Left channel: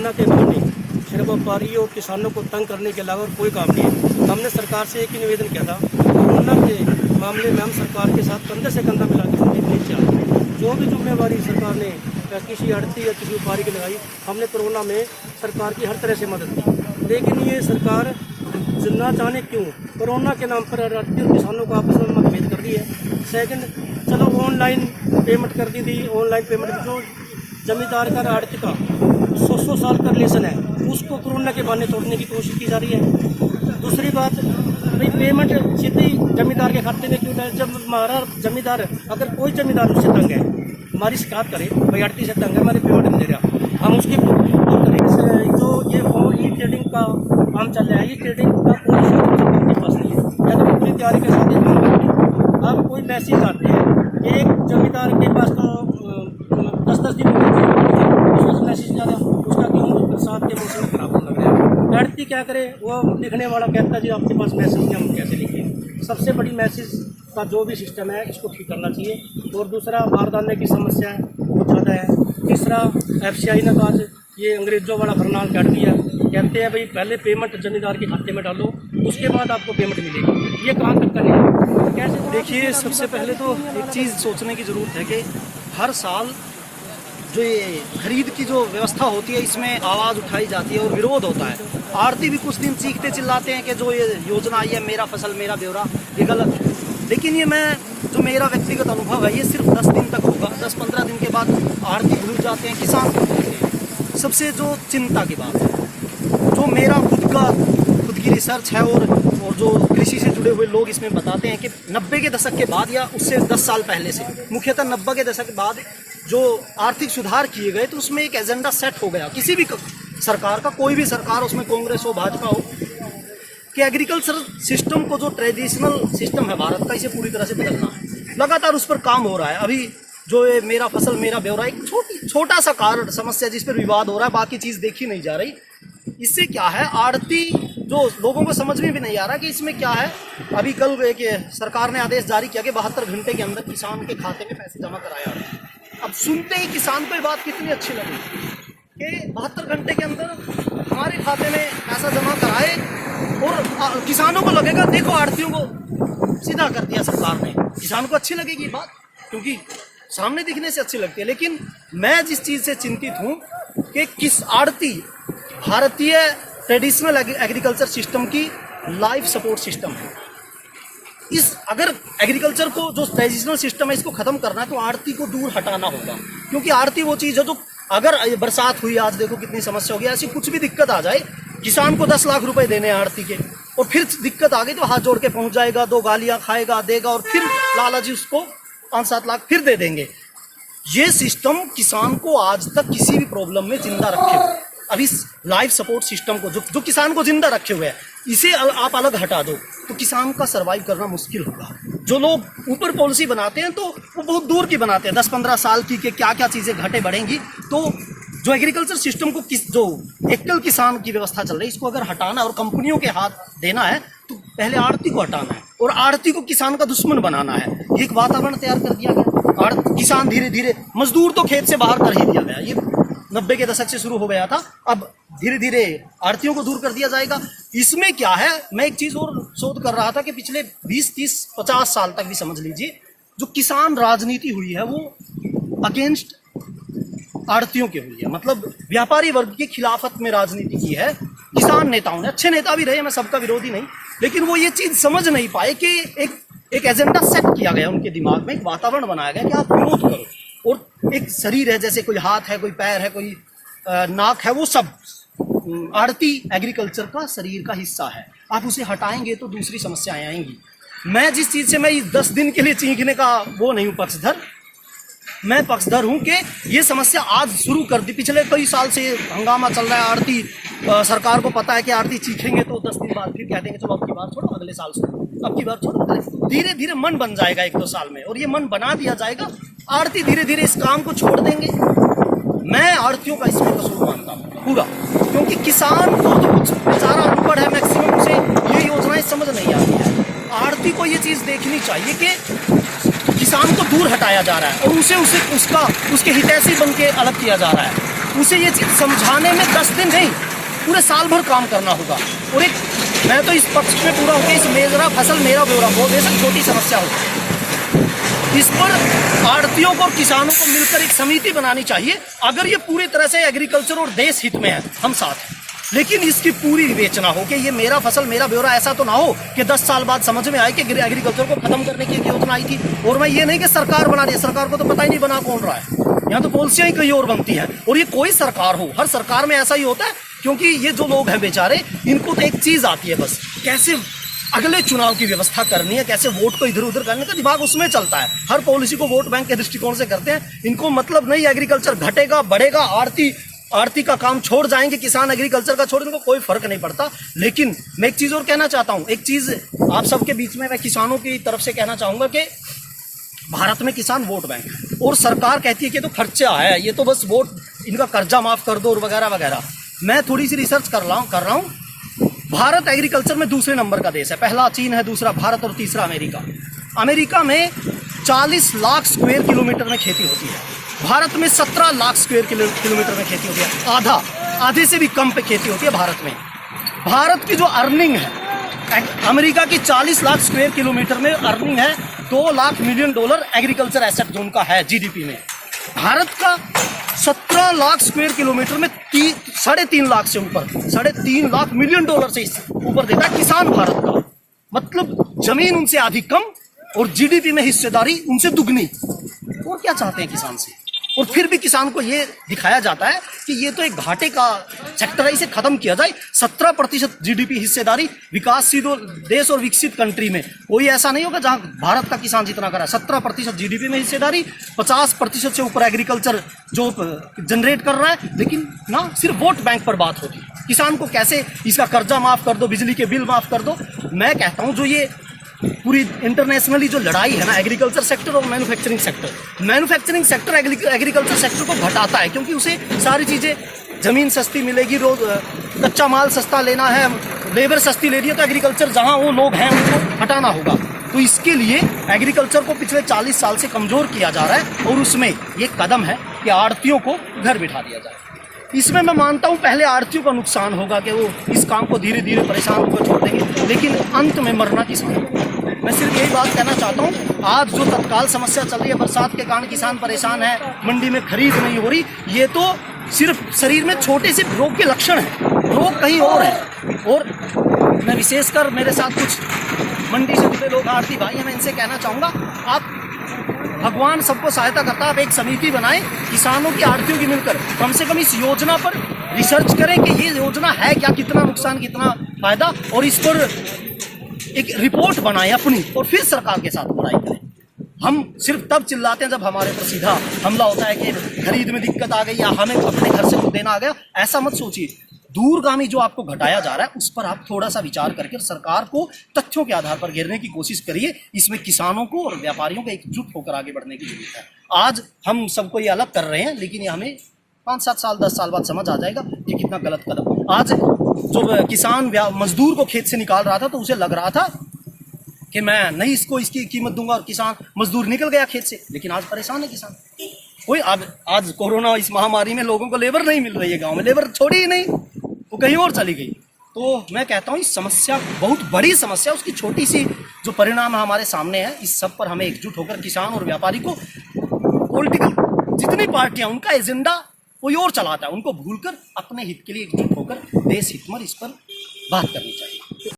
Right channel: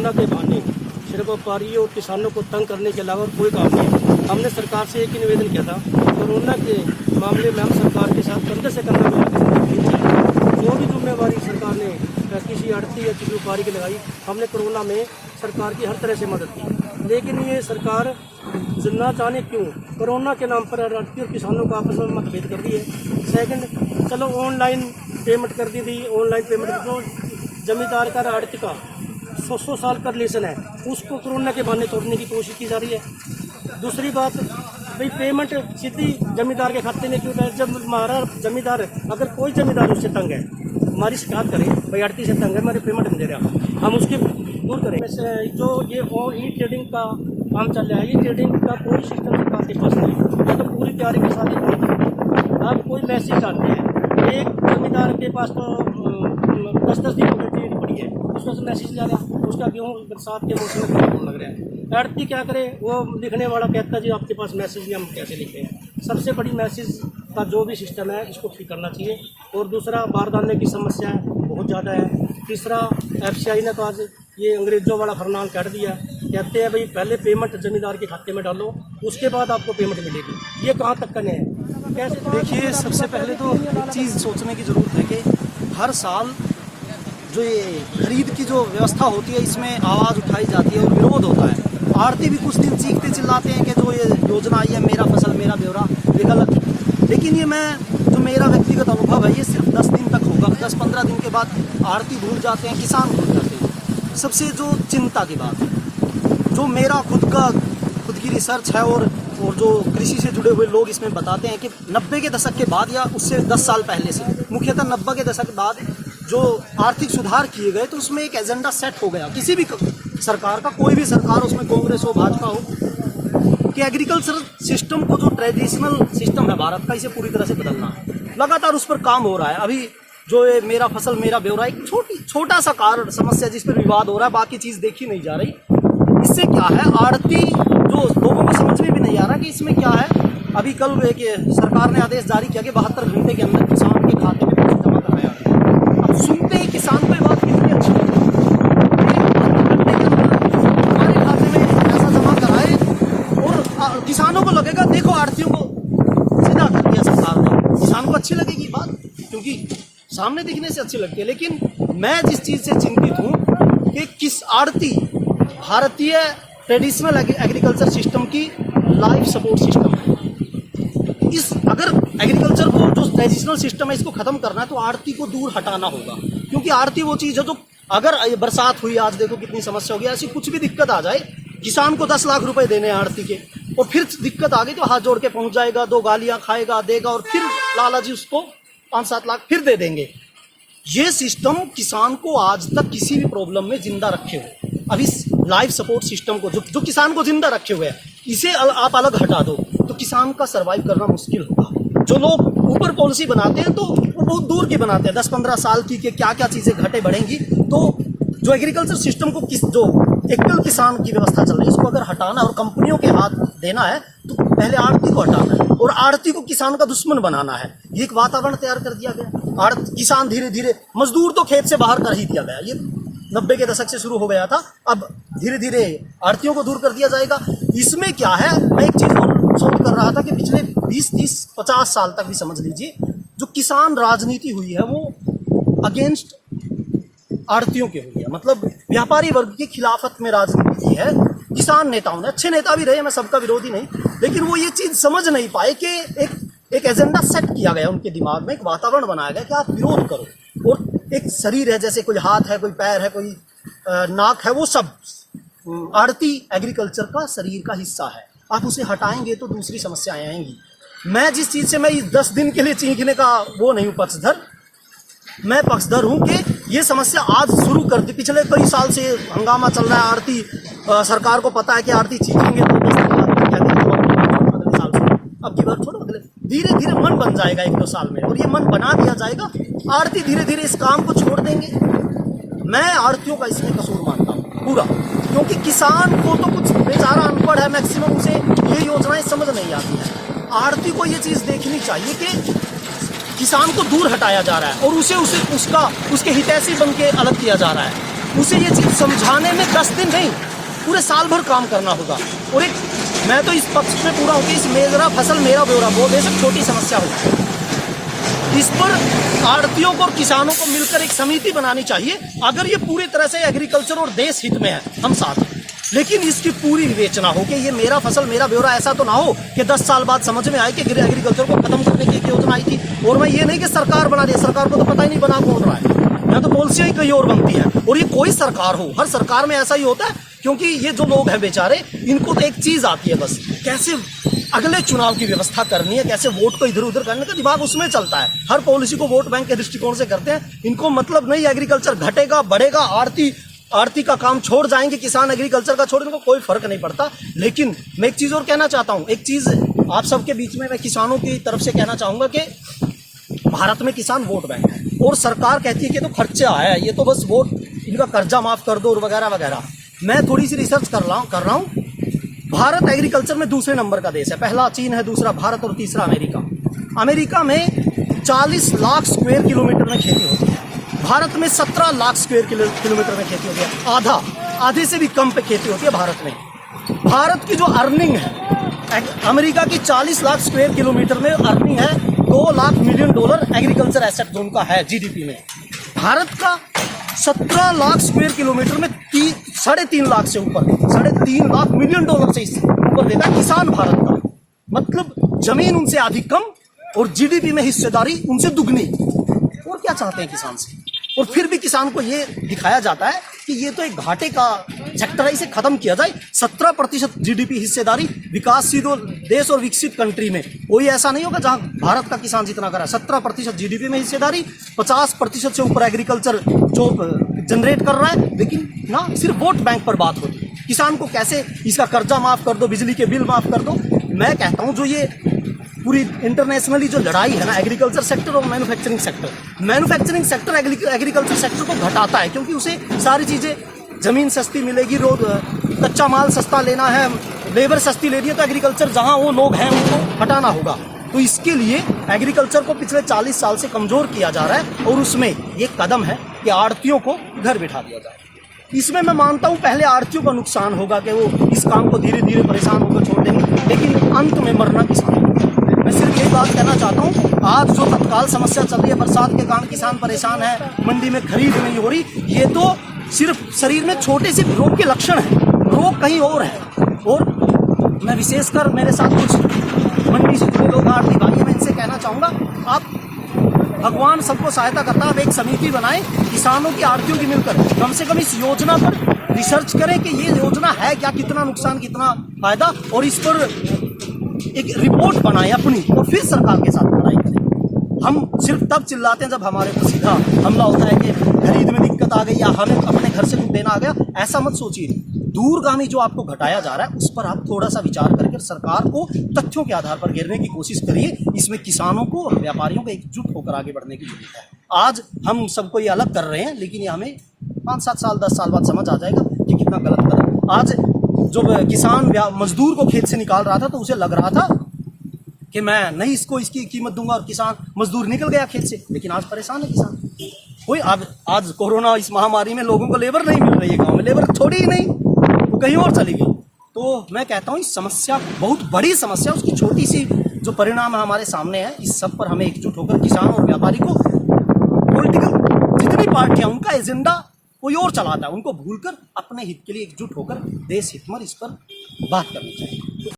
Corona के बहाने सिर्फ व्यापारियों और किसानों को तंग करने के अलावा कोई काम नहीं। हमने सरकार से एक ही निवेदन किया था, कोरोना के मामले में हम सरकार के साथ कंधे से कंधा मिलाकर जो भी जिम्मेवारी सरकार ने किसी आड़ती या किसी व्यापारी की लगाई, हमने कोरोना में सरकार की हर तरह से मदद की। लेकिन ये सरकार ना जाने क्यों कोरोना के नाम पर आड़ती और किसानों को आपस में मतभेद कर रही है। सेकंड, चलो ऑनलाइन पेमेंट कर दी थी, ऑनलाइन पेमेंट जो जमींदार का आड़ती का 100 साल का रिलेशन है उसको कोरोना के बहाने तोड़ने की कोशिश की जा रही है। दूसरी बात, भाई पेमेंट सीधी जमींदार के खाते में क्यों है? जब हमारा जमींदार, अगर कोई जमींदार उससे तंग है, हमारी शिकायत करे, भाई आड़ती से तंग है, हमारे पेमेंट नहीं दे रहा, हम उसकी दूर करें। जो ये ई ट्रेडिंग का काम चल रहा है, ये ट्रेडिंग का कोई सिस्टम सरकार के पास नहीं है। तो पूरी तैयारी के साथ आप कोई मैसेज आते हैं, एक जमींदार के पास तो 10-10 दिन उसमें मैसेज जा रहा, उसका क्यों बरसात के मौसम में खराब लग रहा है। आड़ती क्या करे, वो लिखने वाला कहता है जी आपके पास मैसेज नहीं, हम कैसे लिखें। सबसे बड़ी मैसेज का जो भी सिस्टम है इसको ठीक करना चाहिए। और दूसरा, बारदाने की समस्या बहुत ज़्यादा है। तीसरा, FCI ने तो आज ये अंग्रेजों वाला फरमान काट दिया, कहते हैं भाई पहले पेमेंट जमींदार के खाते में डालो, उसके बाद आपको पेमेंट मिलेगी। ये कहाँ तक का नहीं है? कैसे? देखिए, सबसे पहले तो एक चीज़ सोचने की ज़रूरत है कि हर साल जो ये खरीद की जो व्यवस्था होती है इसमें आवाज़ उठाई जाती है और विरोध होता है। आड़ती भी कुछ दिन चीखते चिल्लाते हैं कि जो ये योजना आई है मेरा फसल मेरा ब्यौरा, ये गलत है। लेकिन ये जो मेरा व्यक्तिगत अनुभव है, ये सिर्फ 10 दिन तक होगा। 10-15 दिन के बाद आड़ती भूल जाते हैं, किसान भूल जाते हैं। सबसे जो चिंता की बात है, जो मेरा खुद की रिसर्च है और जो कृषि से जुड़े हुए लोग इसमें बताते हैं कि 90 के दशक के बाद या उससे 10 साल पहले से, मुख्यतः 90 के दशक के बाद जो आर्थिक सुधार किए गए, तो उसमें एक एजेंडा सेट हो गया किसी भी सरकार का, कोई भी सरकार, उसमें कांग्रेस हो भाजपा हो, कि एग्रीकल्चर सिस्टम को जो ट्रेडिशनल सिस्टम है भारत का, इसे पूरी तरह से बदलना है। लगातार उस पर काम हो रहा है। अभी जो ये मेरा फसल मेरा ब्यौरा एक छोटा सा कारण समस्या जिस पर विवाद हो रहा है, बाकी चीज़ देखी नहीं जा रही। इससे क्या है, आड़ती जो लोगों को समझ में भी नहीं आ रहा कि इसमें क्या है। अभी कल एक सरकार ने आदेश जारी किया कि 72 घंटे के अंदर किसान के खाते में पैसे जमा कराया। अब सुनते ही किसान को ये बात कितनी अच्छी लगी कि 72 घंटे के अंदर हमारे खाते में पैसा जमा कराए, और किसानों को लगेगा देखो आड़तियों को सीधा कर दिया सरकार ने। किसान को अच्छी लगेगी बात, क्योंकि सामने दिखने से अच्छी लगती है। लेकिन मैं जिस चीज़ से चिंतित हूँ कि किस आड़ती भारतीय ट्रेडिशनल एग्रीकल्चर सिस्टम की लाइफ सपोर्ट सिस्टम है। अगर एग्रीकल्चर को जो ट्रेडिशनल सिस्टम है इसको खत्म करना है तो आड़ती को दूर हटाना होगा, क्योंकि आड़ती वो चीज़ है जो, अगर बरसात हुई, आज देखो कितनी समस्या हो गई, ऐसी कुछ भी दिक्कत आ जाए, किसान को 10 लाख रुपए देने आड़ती के, और फिर दिक्कत आ गई तो हाथ जोड़ के पहुंच जाएगा, 2 गालियां खाएगा, देगा, और फिर लाला जी उसको 5-7 लाख फिर दे देंगे। ये सिस्टम किसान को आज तक किसी भी प्रॉब्लम में जिंदा रखे हुए, अब इस लाइफ सपोर्ट सिस्टम को जो किसान को जिंदा रखे हुए है, इसे आप अलग हटा दो तो किसान का सर्वाइव करना मुश्किल होगा। जो लोग ऊपर पॉलिसी बनाते हैं तो वो बहुत दूर की बनाते हैं, 10-15 साल की, कि क्या क्या चीज़ें घटे बढ़ेंगी। तो जो एग्रीकल्चर सिस्टम को जो एकल किसान की व्यवस्था चल रही है, इसको अगर हटाना और कंपनियों के हाथ देना है तो पहले आड़ती को हटाना है और आड़ती को किसान का दुश्मन बनाना है। ये एक वातावरण तैयार कर दिया गया। किसान धीरे धीरे, मजदूर तो खेत से बाहर कर ही दिया गया, ये 90 के दशक से शुरू हो गया था। अब धीरे धीरे आड़तियों को दूर कर दिया जाएगा। इसमें क्या है, मैं एक चीज़ और सोच कर रहा था कि पिछले 20-30-50 साल तक भी समझ लीजिए, जो किसान राजनीति हुई है वो अगेंस्ट आड़तियों की हुई है, मतलब व्यापारी वर्ग की खिलाफत में राजनीति की है। किसान नेताओं ने, अच्छे नेता भी रहे, मैं सबका विरोधी नहीं, लेकिन वो ये चीज़ समझ नहीं पाए कि एक एजेंडा सेट किया गया उनके दिमाग में, एक वातावरण बनाया गया कि आप विरोध करो, और एक शरीर है, जैसे कोई हाथ है, कोई पैर है, कोई नाक है, वो सब आड़ती एग्रीकल्चर का शरीर का हिस्सा है। आप उसे हटाएंगे तो दूसरी समस्याएं आएंगी। मैं जिस चीज़ से मैं इस 10 दिन के लिए चीखने का वो नहीं हूँ पक्षधर, मैं पक्षधर हूँ कि ये समस्या आज शुरू कर दी। पिछले कई साल से हंगामा चल रहा है। आड़ती सरकार को पता है कि आड़ती चीखेंगे तो 10 दिन बाद कह देंगे तो अगले साल से अब की बार छोड़ो, धीरे धीरे मन बन जाएगा 1-2 साल में, और ये मन बना दिया जाएगा। आड़ती धीरे धीरे इस काम को छोड़ देंगे। मैं आड़तियों का इसमें कसूर मानता हूँ पूरा, क्योंकि किसान को तो कुछ बेचारा अनपढ़ है, मैक्सिमम से ये योजनाएं समझ नहीं आती है। आड़ती को ये चीज़ देखनी चाहिए कि किसान को दूर हटाया जा रहा है और उसके हितैषी बन के अलग किया जा रहा है। उसे ये चीज समझाने में 10 दिन नहीं, पूरे साल भर काम करना होगा। और एक मैं तो इस पक्ष पे पूरा हूँ कि इस मेरा फसल मेरा ब्यौरा बहुत बेशक छोटी समस्या हो, इस पर आड़तियों को और किसानों को मिलकर एक समिति बनानी चाहिए। अगर ये पूरी तरह से एग्रीकल्चर और देश हित में है, हम साथ हैं, लेकिन इसकी पूरी विवेचना हो कि ये मेरा फसल मेरा ब्यौरा। ऐसा तो ना हो कि 10 साल बाद समझ में आए कि एग्रीकल्चर को खत्म करने की एक योजना आई थी। और मैं ये नहीं कि सरकार बना रही है, सरकार को तो पता ही नहीं बना कौन रहा है, यहाँ तो पॉलिसियां ही कहीं और बनती हैं। और ये कोई सरकार हो, हर सरकार में ऐसा ही होता है, क्योंकि ये जो लोग हैं बेचारे, इनको तो एक चीज आती है बस, कैसे अगले चुनाव की व्यवस्था करनी है, कैसे वोट को इधर उधर करने का दिमाग उसमें चलता है। हर पॉलिसी को वोट बैंक के दृष्टिकोण से करते हैं। इनको मतलब नहीं एग्रीकल्चर घटेगा बढ़ेगा, आड़ती का काम छोड़ जाएंगे, किसान एग्रीकल्चर का छोड़, इनको कोई फर्क नहीं पड़ता। लेकिन मैं एक चीज और कहना चाहता हूं, एक चीज आप सबके बीच में मैं किसानों की तरफ से कहना चाहूंगा कि भारत में किसान वोट बैंक है और सरकार कहती है कि तो खर्चा है, ये तो बस वोट, इनका कर्जा माफ कर दो और वगैरह वगैरह। मैं थोड़ी सी रिसर्च कर रहा हूं। भारत एग्रीकल्चर में दूसरे नंबर का देश है, पहला चीन है, दूसरा भारत और तीसरा अमेरिका। अमेरिका में 40 लाख स्क्वायर किलोमीटर में खेती होती है, भारत में 17 लाख स्क्वायर किलोमीटर में खेती होती है, आधे से भी कम पे खेती होती है भारत में। भारत की जो अर्निंग है, अमेरिका की 40 लाख स्क्वायर किलोमीटर में अर्निंग है $2 लाख मिलियन एग्रीकल्चर एसेट जो उनका है जीडीपी में। भारत का 17 लाख स्क्वायर किलोमीटर में 3.5 लाख से ऊपर, $3.5 लाख मिलियन से ऊपर देता है किसान भारत का। मतलब जमीन उनसे आधी कम और जीडीपी में हिस्सेदारी उनसे दुगनी। और क्या चाहते हैं किसान से? और फिर भी किसान को ये दिखाया जाता है कि ये तो एक घाटे का सेक्टर है, इसे खत्म किया जाए। 17% जीडीपी हिस्सेदारी विकासशील देश और विकसित कंट्री में कोई ऐसा नहीं होगा जहां भारत का किसान जितना करा। 17% जीडीपी में हिस्सेदारी, 50% से ऊपर एग्रीकल्चर जो जनरेट कर रहा है, लेकिन ना सिर्फ वोट बैंक पर बात होती है। किसान को कैसे इसका कर्जा माफ कर दो, बिजली के बिल माफ कर दो। मैं कहता हूं जो ये पूरी इंटरनेशनली जो लड़ाई है ना एग्रीकल्चर सेक्टर और मैन्युफैक्चरिंग सेक्टर एग्रीकल्चर सेक्टर को घटाता है, क्योंकि उसे सारी चीजें, जमीन सस्ती मिलेगी, रोज कच्चा माल सस्ता लेना है, लेबर सस्ती लेनी है, तो एग्रीकल्चर जहां वो लोग हैं उनको हटाना होगा। तो इसके लिए एग्रीकल्चर को पिछले 40 साल से कमजोर किया जा रहा है और उसमें ये कदम है कि आड़तियों को घर बिठा दिया जाए। इसमें मैं मानता हूं पहले आड़तियों का नुकसान होगा कि वो इस काम को धीरे धीरे परेशान होकर छोड़ देंगे, लेकिन अंत में मरना किसान। मैं सिर्फ यही बात कहना चाहता हूं, आज जो तत्काल समस्या चल रही है, बरसात के कारण किसान परेशान है, मंडी में खरीद नहीं हो रही, ये तो सिर्फ शरीर में छोटे से रोग के लक्षण है, रोग कहीं और है। और मैं विशेषकर मेरे साथ कुछ मंडी से जुड़े लोग आड़ती भाई हैं, मैं इनसे कहना चाहूंगा, आप भगवान सबको सहायता करता है, आप एक समिति बनाएं किसानों की आड़तियों की मिलकर, कम से कम इस योजना पर रिसर्च करें कि ये योजना है क्या, कितना नुकसान कितना फायदा, और इस पर एक रिपोर्ट बनाएं अपनी, और फिर सरकार के साथ लड़ाई करें। हम सिर्फ तब चिल्लाते हैं जब हमारे ऊपर सीधा हमला होता है कि खरीद में दिक्कत आ गई या हमें अपने घर से कुछ देना आ गया। ऐसा मत सोचिए। दूरगामी जो आपको घटाया जा रहा है उस पर आप थोड़ा सा विचार करके सरकार को तथ्यों के आधार पर घेरने की कोशिश करिए। इसमें किसानों को और व्यापारियों को एकजुट होकर आगे बढ़ने की जरूरत है। आज हम सबको ये अलग कर रहे हैं, लेकिन ये हमें 5-7 साल 10 साल बाद समझ आ जाएगा कि कितना गलत कदम। आज जो किसान मजदूर को खेत से निकाल रहा था तो उसे लग रहा था कि मैं नहीं इसको इसकी कीमत दूंगा, और किसान मजदूर निकल गया खेत से, लेकिन आज परेशान है किसान। कोई आज कोरोना इस महामारी में लोगों को लेबर नहीं मिल रही है, गांव में लेबर छोड़ी ही नहीं, वो कहीं और चली गई। तो मैं कहता हूँ इस समस्या बहुत बड़ी समस्या, उसकी छोटी सी जो परिणाम हमारे सामने है, इस सब पर हमें एकजुट होकर किसान और व्यापारी को, पॉलिटिकल जितनी पार्टियां उनका एजेंडा कोई और चलाता है, उनको भूलकर अपने हित के लिए एकजुट होकर देश हित में इस पर बात करनी चाहिए।